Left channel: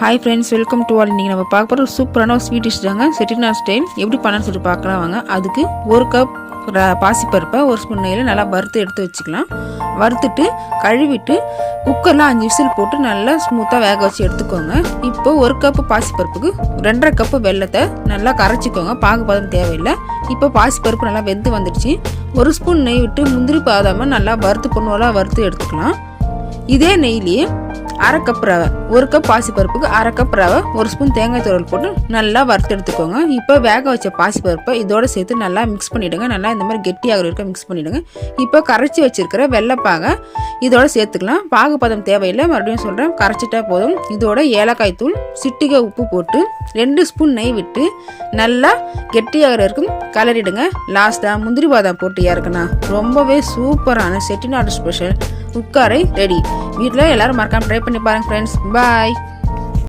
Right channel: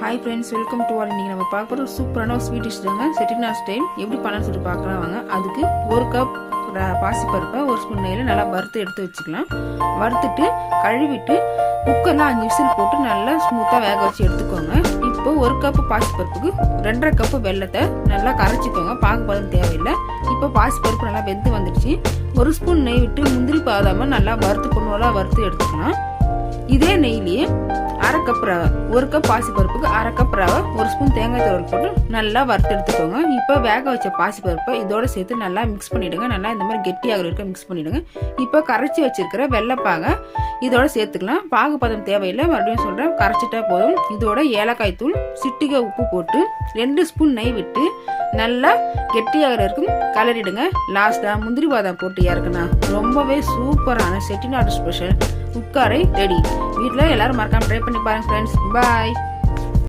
Hi friends, welcome to all. இன்றைக்கி நம்ம பார்க்க போகிற சூப்பரான ஒரு ஸ்வீட் டிஷ் தாங்க. செட்டிநாடு ஸ்டைல் எப்படி பண்ணணும்னு சொல்லிட்டு பார்க்கலாம் வாங்க. அதுக்கு ஒரு கப் பாசிப்பருப்பை ஒரு ஸ்பூன் நெய்யில் நல்லா வறுத்து எடுத்து வச்சுக்கலாம். வறுத்துட்டு கழுவிட்டு குக்கரில் 5 விசில் போட்டு நல்லா ஸ்மூத்தாக வேக வச்சு எடுத்துக்கோங்க. இப்போ ஒரு கப்பு பாசிப்பருப்புக்கு 2.5 கப்பு வெல்லத்தை நல்லா கரைச்சிக்கோங்க. பாகுபாதம் தேவையில்லை. இப்போ பாசிப்பருப்பு நல்லா வெந்து வந்துடுச்சு. ஒரு ஸ்பூன் நெய் விட்டு முந்திரி பாதாமல் நல்லா வறுத்து பொண்ணுவலாக வறுத்து எடுத்துக்கலாம். இதே நெய்லேயே 1/2 கப் ரவை, ஒரு கப் பாசிப்பருப்புக்கு 1/2 கப் ரவை, ஒரு ஸ்பூன் தேங்காய் துருவல் போட்டு நல்லா வறுத்து எடுத்துக்கோங்க. இப்போ வேக வச்ச பாசிப்பருப்பை இதோட சேர்த்து நல்லா மிக்ஸ் பண்ணிவிடுங்க. நல்லா இந்த மாதிரி கெட்டியாக இருக்க மிக்ஸ் பண்ணிவிடுங்க. இப்போ கரைச்சி வச்சிருக்கிற வெள்ளைப்பாகை இதோட சேர்த்துக்கலாம். பாகுபதம் தேவையில்லை, மறுபடியும் சொல்கிறேன், கரைச்சிட்டா போதும். இதோட ஏலக்காய் தூள், சிட்டிகை உப்பு போட்டு 2 ஸ்பூன் நெய் விட்டு நல்லா கெட்டியாக இருக்கும் கலரிடுங்க. லாஸ்ட்டாக முந்திரி பாதாம் போட்டு இறக்குனா ரொம்பவே சூப்பரான செட்டிநாடு ஸ்பெஷல் உட்காரை ரெடி. வீட்டில் எல்லாரும் மறக்காம ட்ரை பண்ணி பாருங்க ஃப்ரெண்ட்ஸ். பாய்.